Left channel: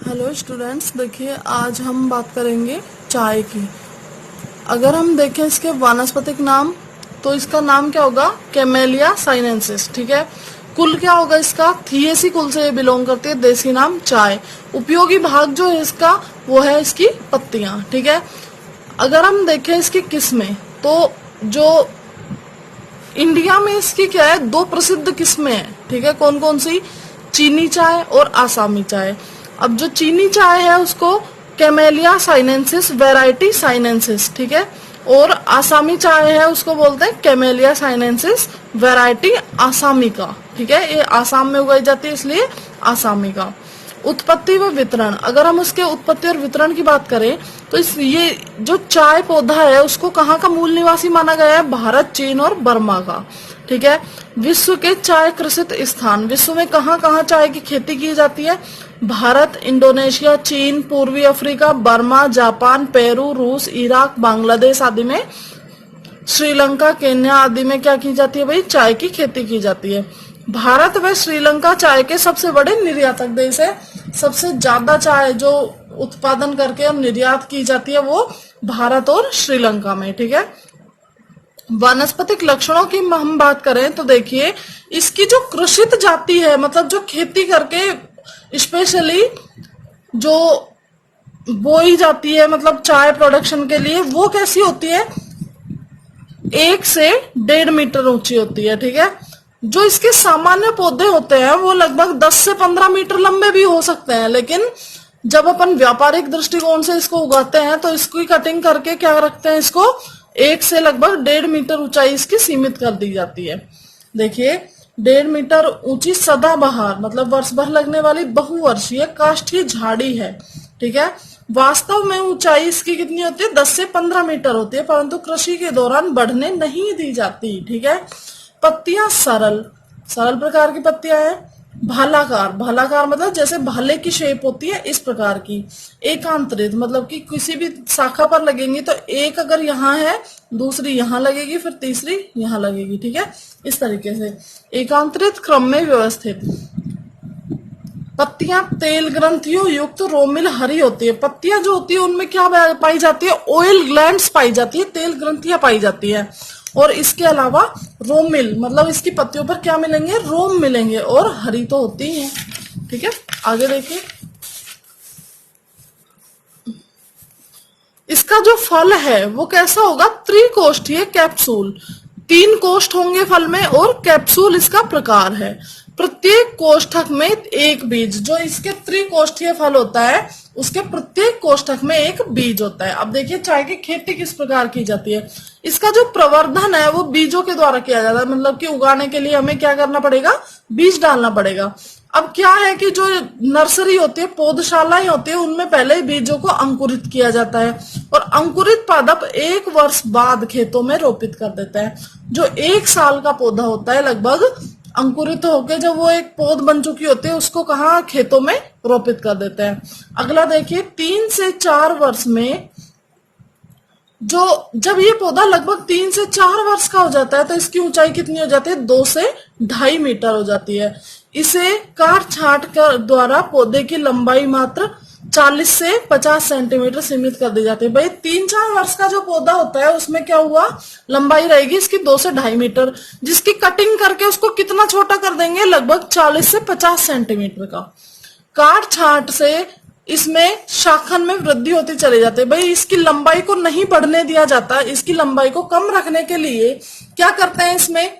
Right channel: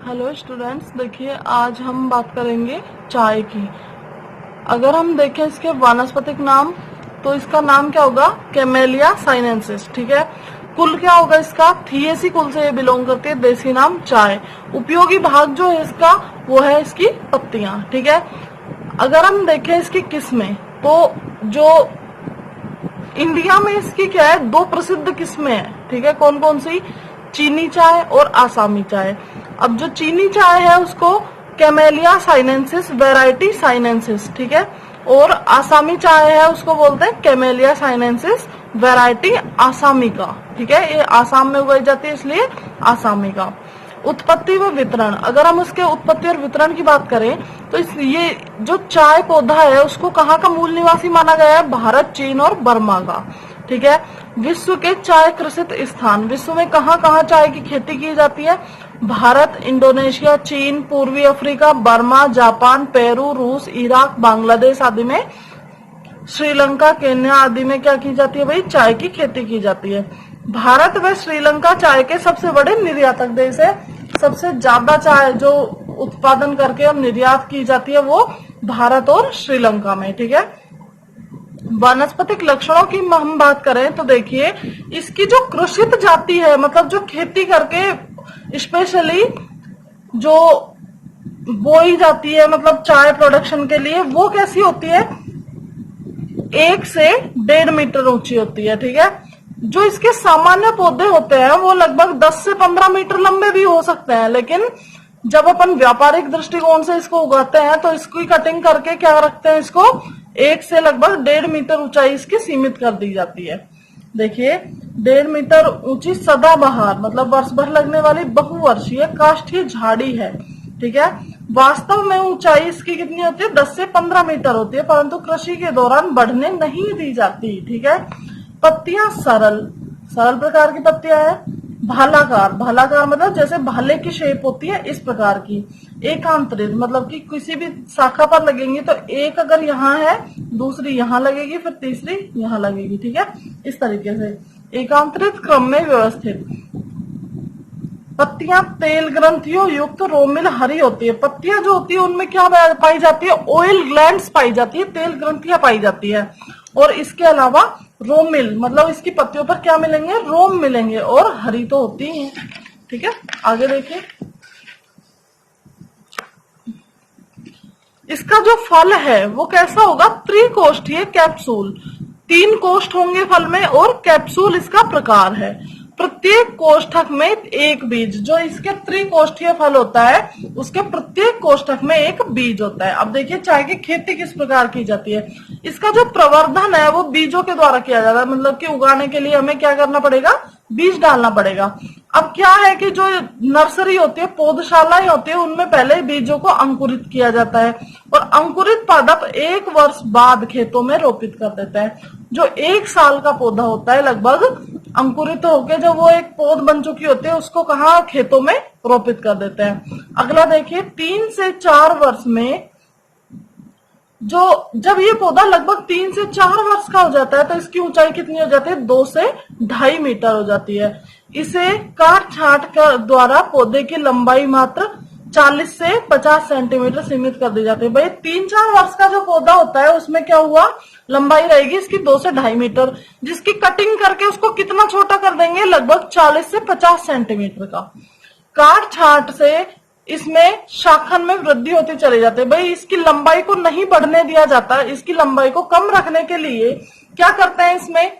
Hello students, देखिए आज हम बात करेंगे चाय की। अगर हम देखें इसके वानस्पतिक नाम, तो इसका नाम क्या होगा? Camellia sinensis. ठीक है। कुल क्या होगा इसका? थिएसी कुल से ये बिलोंग करती है। देसी नाम चाय। उपयोगी भाग जो है इसका, वो है इसकी पत्तियां। ठीक है। अगर हम देखें इसकी किस्में, तो जो इंडिया में इसकी क्या है, दो प्रसिद्ध किस्में हैं। ठीक है। कौन कौन सी? चीनी चाय और आसामी चाय। अब जो चीनी चाय है उसको कैमेलिया साइनेंसिस वैरायटी साइनेंसिस, ठीक है, और आसामी चाय है उसको बोलते हैं कैमेलिया साइनेंसिस वैरायटी आसामी का। ठीक है। ये आसाम में उगाई जाती है इसलिए आसामी का। उत्पत्ति व वितरण, अगर हम उसके उत्पत्ति और वितरण की बात करें तो ये जो चाय पौधा है उसको कहाँ का मूल निवासी माना गया है? भारत, चीन और बर्मा का। ठीक है। विश्व के चाय कृषित स्थान, विश्व में कहाँ कहाँ चाय की खेती की जाती है? भारत, इंडोनेशिया, चीन, पूर्वी अफ्रीका, बर्मा, जापान, पेरू, रूस, इराक, बांग्लादेश आदि में, श्रीलंका, केन्या आदि में क्या की जाती है भाई? चाय की खेती की जाती है। भारत व श्रीलंका चाय के सबसे बड़े निर्यातक देश है। सबसे ज्यादा चाय जो उत्पादन करके और निर्यात की जाती है वो भारत और श्रीलंका में। ठीक है। वनस्पतिक लक्षणों की हम बात करें तो देखिए, इसकी जो कृषित जाति है, मतलब जो खेती करके स्पेशली जो बोई जाती है, मतलब चाय प्रोडक्शन के लिए, वो कैसी होती है? 1 से 1.5 मीटर ऊंची होती है। ठीक है। जो इसके सामान्य पौधे होते हैं वो लगभग 10 से 15 मीटर लंबे भी हो सकते हैं, लेकिन जब अपन व्यापारिक दृष्टिकोण से इसको उगाते हैं तो इसकी कटिंग करके क्या रखते हैं, इसको 1 से लगभग 1.5 मीटर ऊंचाई इसकी सीमित कर दी जाती है। देखिए, 1.5 मीटर ऊंची सदाबहार, मतलब वर्ष भर लगने वाली बहुवर्षीय काष्ठीय झाड़ी है। ठीक है। वास्तव में ऊंचाई इसकी कितनी होती है? 10 से 15 मीटर होती है, परंतु कृषि के दौरान बढ़ने नहीं दी जाती। ठीक है। पत्तियां सरल सरल प्रकार की पत्तियां हैं। भालाकार, भालाकार मतलब जैसे भाले की शेप होती है, इस प्रकार की। एकांतरित मतलब कि किसी भी शाखा पर लगेंगी तो एक अगर यहाँ है, दूसरी यहाँ लगेगी, फिर तीसरी यहाँ लगेगी। ठीक है। इस तरीके से एकांतरित क्रम में व्यवस्थित। पत्तियां तेल ग्रंथियों युक्त रोमिल हरी होती है। पत्तियां जो होती है उनमें क्या पाई जाती है? ऑयल ग्लैंड्स पाई जाती है, तेल ग्रंथियां पाई जाती है। और इसके अलावा रोमिल मतलब इसकी पत्तियों पर क्या मिलेंगे? रोम मिलेंगे, और हरी तो होती ही है। ठीक है। आगे देखिए, इसका जो फल है वो कैसा होगा? त्रिकोष्ठीय कैप्सूल। 3 कोष्ठ होंगे फल में, और कैप्सूल इसका प्रकार है। प्रत्येक कोष्ठक में एक बीज। जो इसके त्रिकोष्ठीय फल होता है उसके प्रत्येक कोष्ठक में एक बीज होता है। अब देखिए, चाय की खेती किस प्रकार की जाती है। इसका जो प्रवर्धन है वो बीजों के द्वारा किया जाता है, मतलब कि उगाने के लिए हमें क्या करना पड़ेगा? बीज डालना पड़ेगा। अब क्या है कि जो नर्सरी होती है, पौधशालाएं होती है, उनमें पहले बीजों को अंकुरित किया जाता है, और अंकुरित पादप 1 वर्ष बाद खेतों में रोपित कर देते हैं। जो 1 साल का पौधा होता है लगभग, अंकुरित होकर जब वो एक पौध बन चुकी होती है उसको कहाँ? खेतों में रोपित कर देते हैं। अगला देखिए, 3 से 4 वर्ष में जो जब ये पौधा लगभग 3 से 4 वर्ष का हो जाता है तो इसकी ऊंचाई कितनी हो जाती है? 2 से 2.5 मीटर हो जाती है। इसे काट छांट कर द्वारा पौधे की लंबाई मात्र 40 से 50 सेंटीमीटर सीमित कर दी जाती है। भाई 3-4 वर्ष का जो पौधा होता है उसमें क्या हुआ? लंबाई रहेगी इसकी 2 से 2.5 मीटर, जिसकी कटिंग करके उसको कितना छोटा कर देंगे? लगभग 40 से 50 सेंटीमीटर का। काट छांट से इसमें शाखन में वृद्धि होती चली जाती है। भाई इसकी लंबाई को नहीं बढ़ने दिया जाता, इसकी लंबाई को कम रखने के लिए क्या करते हैं? इसमें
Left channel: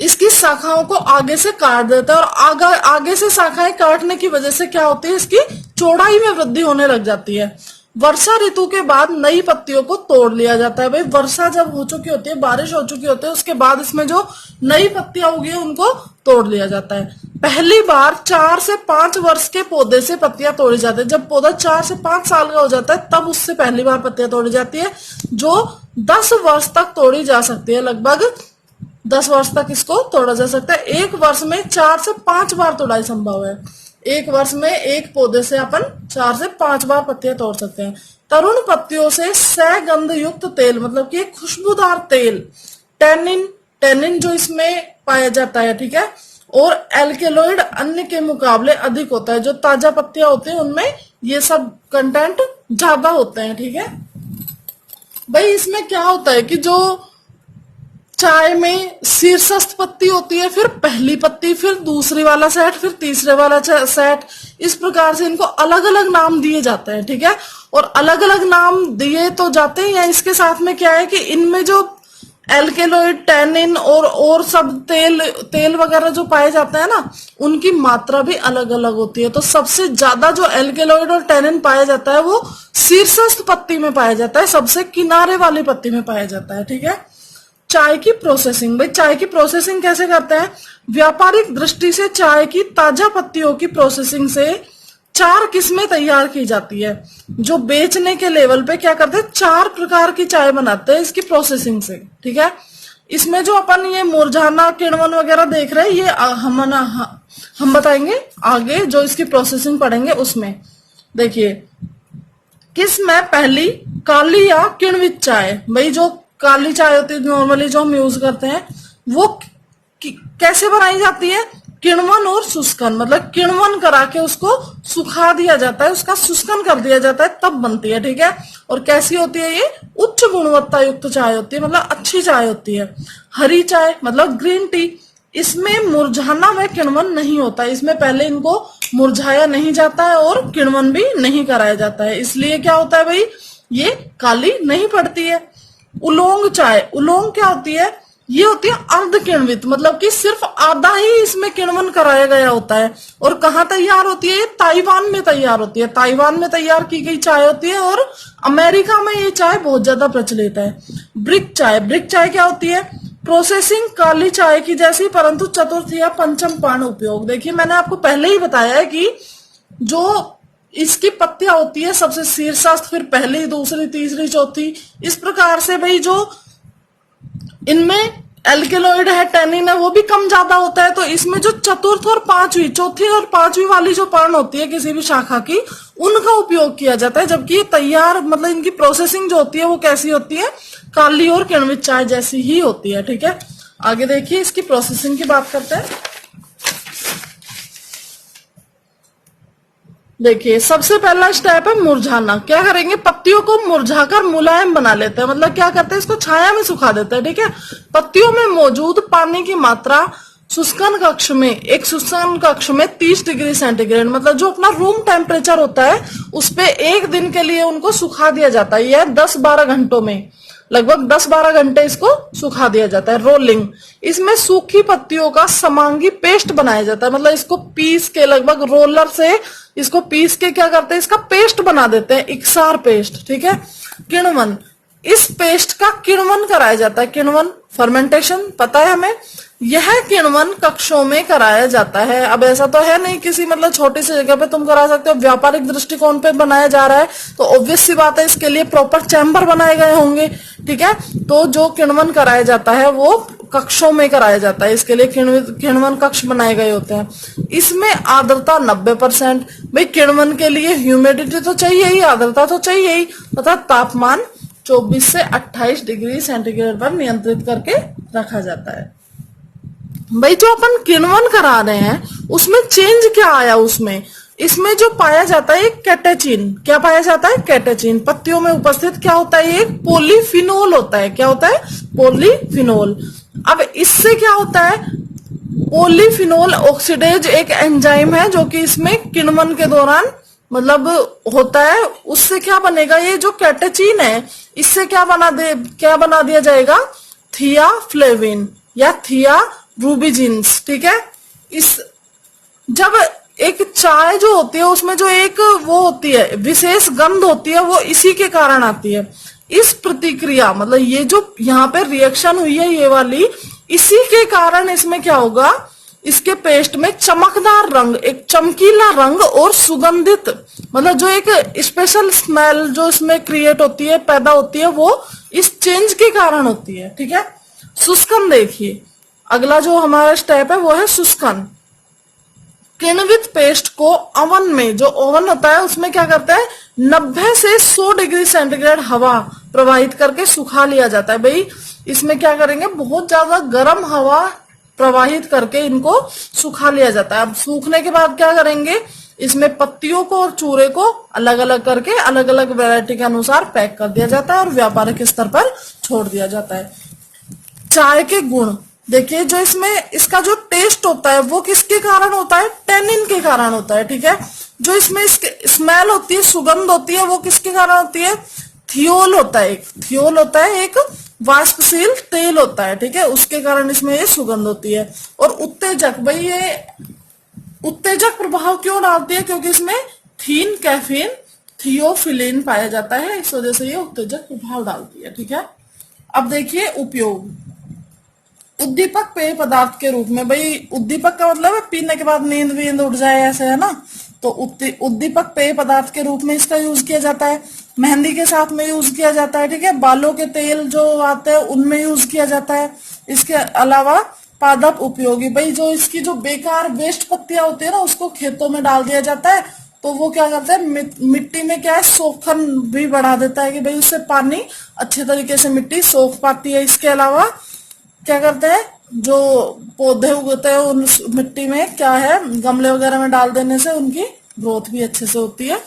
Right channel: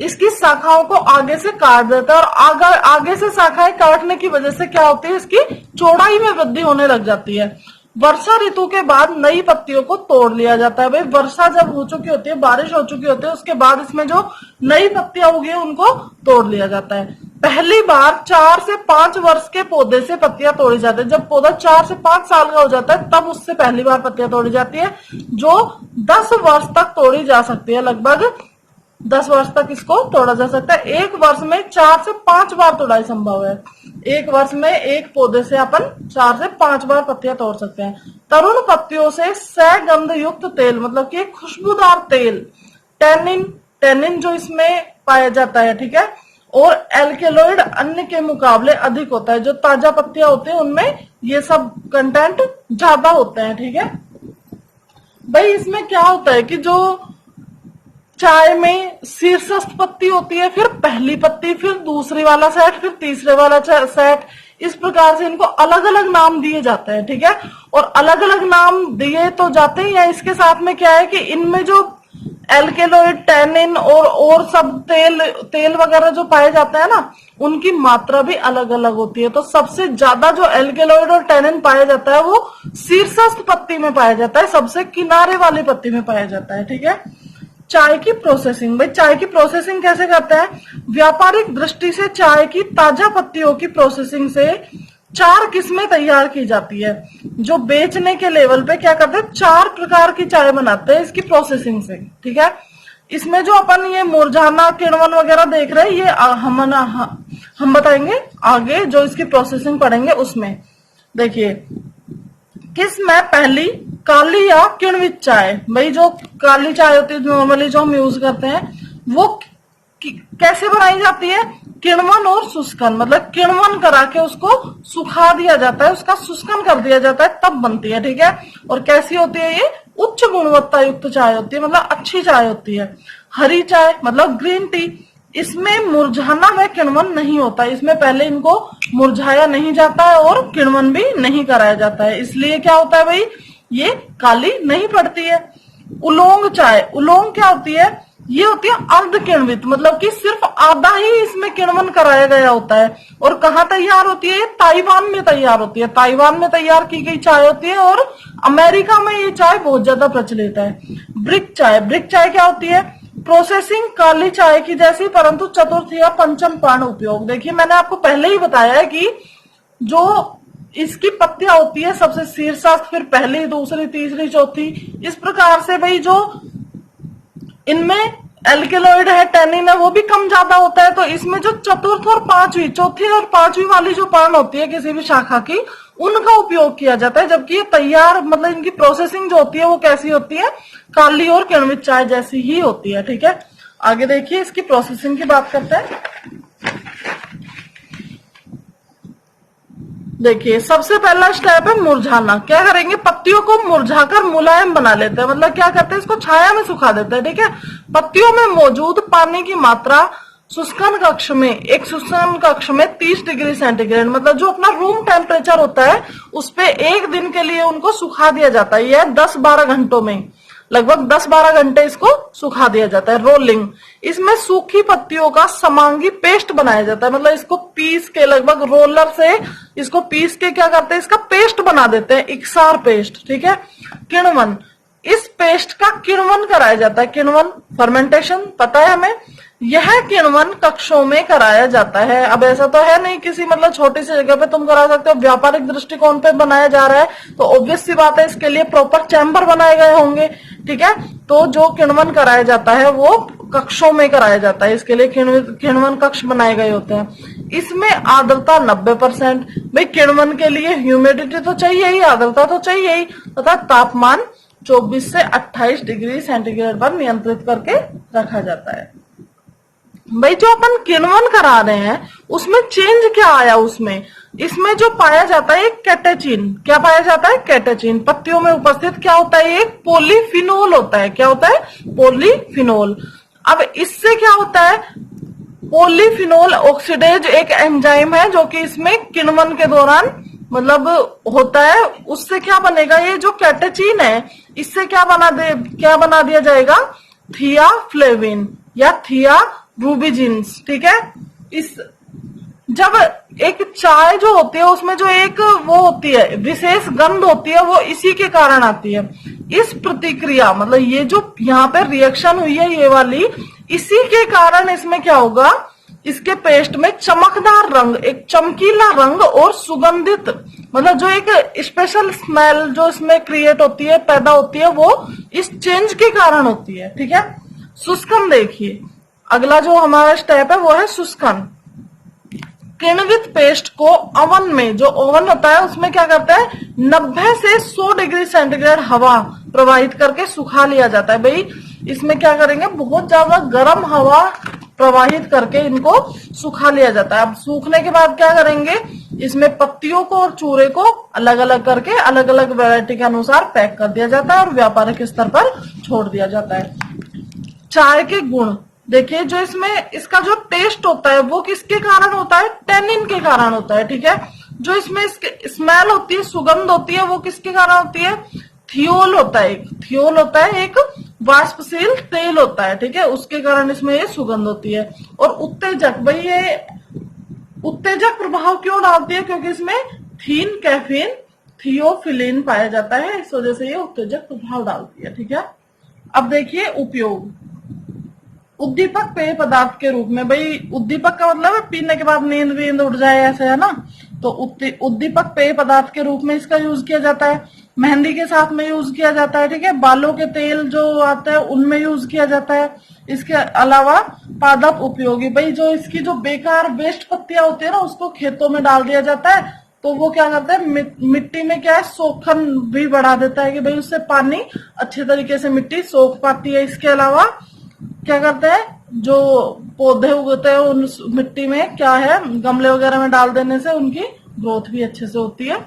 इसकी शाखाओं को आगे से काट देता है, और आगे से शाखाएं काटने की वजह से क्या होती है? इसकी चौड़ाई में वृद्धि होने लग जाती है। वर्षा ऋतु के बाद नई पत्तियों को तोड़ लिया जाता है। भाई वर्षा जब हो चुकी होती है, बारिश हो चुकी होती है, उसके बाद इसमें जो नई पत्तियां उगी उनको तोड़ लिया जाता है। पहली बार 4 से 5 वर्ष के पौधे से पत्तियां तोड़ी जाती है। जब पौधा 4 से 5 साल का हो जाता है तब उससे पहली बार पत्तियां तोड़ी जाती है, जो 10 वर्ष तक तोड़ी जा सकती है। लगभग 10 वर्ष तक इसको तोड़ा जा सकता है। 1 वर्ष में 4 से 5 बार तोड़ाई संभव है। 1 वर्ष में एक पौधे से अपन 4 से 5 बार पत्तियां तोड़ सकते हैं। तरुण पत्तियों से सगंध युक्त तेल, मतलब कि खुशबूदार तेल, टैनिन टैनिन जो इसमें पाया जाता है, ठीक है, और एल्केलॉइड अन्य के मुकाबले अधिक होता है। जो ताजा पत्तियां होती हैं उनमें ये सब कंटेंट ज्यादा होते हैं, ठीक है भाई। इसमें क्या होता है कि जो चाय में शीर्षस्थ पत्ती होती है, फिर पहली पत्ती, फिर दूसरी वाला सेट, फिर तीसरे वाला सेट, इस प्रकार से इनको अलग अलग नाम दिए जाते हैं, ठीक है। और अलग अलग नाम दिए तो जाते हैं, या इसके साथ में क्या है कि इनमें जो एल्केलॉइड, टैनिन और सब तेल वगैरह जो पाए जाते हैं ना, उनकी मात्रा भी अलग अलग होती है। तो सबसे ज्यादा जो एल्केलॉइड और टैनिन पाया जाता है वो शीर्षस्थ पत्ती में पाया जाता है, सबसे किनारे वाली पत्ती में पाया जाता है, ठीक है। चाय की प्रोसेसिंग, भाई चाय की प्रोसेसिंग कैसे करते हैं? व्यापारिक दृष्टि से चाय की ताजा पत्तियों की प्रोसेसिंग से 4 किस्में तैयार की जाती है। जो बेचने के लेवल पे क्या करते हैं, 4 प्रकार की चाय बनाते हैं इसकी प्रोसेसिंग से, ठीक है। इसमें जो अपन ये मुरझाना, किण्वन वगैरह देख रहे हैं, ये हम बताएंगे आगे जो इसकी प्रोसेसिंग पढ़ेंगे उसमें। देखिए किसमें पहली काली या किण्वित चाय, भाई जो काली चाय होती है नॉर्मली जो हम यूज करते हैं, वो कैसे बनाई जाती है? किण्वन और शुष्कन, मतलब किण्वन करा के उसको सुखा दिया जाता है, उसका शुष्कन कर दिया जाता है, तब बनती है, ठीक है। और कैसी होती है ये? उच्च गुणवत्ता युक्त चाय होती है, मतलब अच्छी चाय होती है। हरी चाय मतलब ग्रीन टी, इसमें मुरझाना व किण्वन नहीं होता, इसमें पहले इनको मुरझाया नहीं जाता है और किण्वन भी नहीं कराया जाता है, इसलिए क्या होता है भाई, ये काली नहीं पड़ती है। उलोंग चाय, उलोंग क्या होती है? ये होती है अर्ध किण्वित, मतलब कि सिर्फ आधा ही इसमें किण्वन कराया गया होता है। और कहाँ तैयार होती है? ये ताइवान में तैयार होती है, ताइवान में तैयार की गई चाय होती है, और अमेरिका में ये चाय बहुत ज्यादा प्रचलित है। ब्रिक चाय, ब्रिक चाय क्या होती है? प्रोसेसिंग काली चाय की जैसी, परंतु चतुर्थ या पंचम पान उपयोग। देखिए मैंने आपको पहले ही बताया है कि जो इसकी पत्तियां होती है सबसे शीर्षस्थ, फिर पहली, दूसरी, तीसरी, चौथी, इस प्रकार से भाई जो इनमें एल्केलॉइड है, टैनिन है, वो भी कम ज्यादा होता है। तो इसमें जो चतुर्थ और पांचवी, चौथी और पांचवी वाली जो पान होती है किसी भी शाखा की, उनका उपयोग किया जाता है। जबकि ये तैयार, मतलब इनकी प्रोसेसिंग जो होती है वो कैसी होती है? काली और किण्वित चाय जैसी ही होती है, ठीक है। आगे देखिए इसकी प्रोसेसिंग की बात करते हैं। देखिए सबसे पहला स्टेप है मुरझाना। क्या करेंगे? पत्तियों को मुरझाकर मुलायम बना लेते हैं, मतलब क्या करते हैं? इसको छाया में सुखा देते हैं, ठीक है। पत्तियों में मौजूद पानी की मात्रा शुष्कन कक्ष में, एक शुष्कन कक्ष में 30 डिग्री सेंटीग्रेड, मतलब जो अपना रूम टेम्परेचर होता है उस पे 1 दिन के लिए उनको सुखा दिया जाता है। यह 10-12 घंटों में, लगभग 10-12 घंटे इसको सुखा दिया जाता है। रोलिंग, इसमें सूखी पत्तियों का समांगी पेस्ट बनाया जाता है, मतलब इसको पीस के, लगभग रोलर से इसको पीस के क्या करते हैं? इसका पेस्ट बना देते हैं, इकसार पेस्ट, ठीक है। किण्वन, इस पेस्ट का किण्वन कराया जाता है। किण्वन फर्मेंटेशन पता है हमें, यह किण्वन कक्षों में कराया जाता है। अब ऐसा तो है नहीं किसी मतलब छोटी सी जगह पे तुम करा सकते हो, व्यापारिक दृष्टिकोण पे बनाया जा रहा है तो ऑब्वियस सी बात है इसके लिए प्रॉपर चैम्बर बनाए गए होंगे, ठीक है। तो जो किण्वन कराया जाता है वो कक्षों में कराया जाता है, इसके लिए किण्वन कक्ष बनाए गए होते हैं। इसमें आर्द्रता 90%, भाई किण्वन के लिए ह्यूमिडिटी तो चाहिए ही, आर्द्रता तो चाहिए ही, तथा तापमान 24 से 28 डिग्री सेंटीग्रेड पर नियंत्रित करके रखा जाता है। भाई जो अपन किण्वन करा रहे हैं उसमें चेंज क्या आया? उसमें इसमें जो पाया जाता है कैटेचिन, क्या पाया जाता है? कैटेचिन। पत्तियों में उपस्थित क्या होता है? एक पॉलीफिनोल होता है। क्या होता है? पॉलीफिनोल। अब इससे क्या होता है? पॉलीफिनोल ऑक्सीडेज एक एंजाइम है जो कि इसमें किण्वन के दौरान मतलब होता है। उससे क्या बनेगा? ये जो कैटेचिन है इससे क्या बना दिया जाएगा? थियाफ्लेविन या थिया रूबिजिन्स, ठीक है। इस जब एक चाय जो होती है उसमें जो एक वो होती है विशेष गंध होती है, वो इसी के कारण आती है। इस प्रतिक्रिया मतलब ये जो यहाँ पे रिएक्शन हुई है ये वाली, इसी के कारण इसमें क्या होगा? इसके पेस्ट में चमकदार रंग, एक चमकीला रंग और सुगंधित, मतलब जो एक स्पेशल स्मेल जो इसमें क्रिएट होती है, पैदा होती है, वो इस चेंज के कारण होती है, ठीक है। शुष्कन देखिए, अगला जो हमारा स्टेप है वो है शुष्कन। किण्वित पेस्ट को ओवन में, जो ओवन होता है उसमें क्या करता है? 90 से 100 डिग्री सेंटीग्रेड हवा प्रवाहित करके सुखा लिया जाता है। भाई इसमें क्या करेंगे? बहुत ज्यादा गर्म हवा प्रवाहित करके इनको सुखा लिया जाता है। अब सूखने के बाद क्या करेंगे, इसमें पत्तियों को और चूरे को अलग अलग करके अलग अलग वैरायटी के अनुसार पैक कर दिया जाता है और व्यापारिक स्तर पर छोड़ दिया जाता है। चाय के गुण देखिए, जो इसमें इसका जो टेस्ट होता है वो किसके कारण होता है, टेनिन के कारण होता है। ठीक है, जो इसमें इसके स्मेल होती है, सुगंध होती है, वो किसके कारण होती है, थियोल होता है। थियोल होता है एक वाष्पशील तेल होता है। ठीक है, उसके कारण इसमें ये सुगंध होती है। और उत्तेजक, भाई ये उत्तेजक प्रभाव क्यों डालती है, क्योंकि इसमें थीन, कैफीन, थियोफिलिन पाया जाता है, इस वजह से ये उत्तेजक प्रभाव डालती है। ठीक है, अब देखिए उपयोग। उद्दीपक पेय पदार्थ के रूप में, भाई उद्दीपक का मतलब है पीने के बाद नींद वींद उठ जाए, ऐसे है ना। तो उद्दीपक पेय पदार्थ के रूप में इसका यूज किया जाता है। मेहंदी के साथ में यूज किया जाता है। ठीक है, बालों के तेल जो आते हैं उनमें यूज किया जाता है। इसके अलावा पादप उपयोगी, भाई जो इसकी जो बेकार वेस्ट पत्तियां होती है ना, उसको खेतों में डाल दिया जाता है, तो वो क्या करता है, मिट्टी में क्या है, सोखन भी बढ़ा देता है कि भाई उससे पानी अच्छे तरीके से मिट्टी सोख पाती है। इसके अलावा क्या करते हैं, जो पौधे उगते हैं उन मिट्टी में क्या है, गमले वगैरह में डाल देने से उनकी ग्रोथ भी अच्छे से होती है।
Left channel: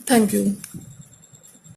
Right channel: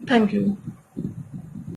Thank you.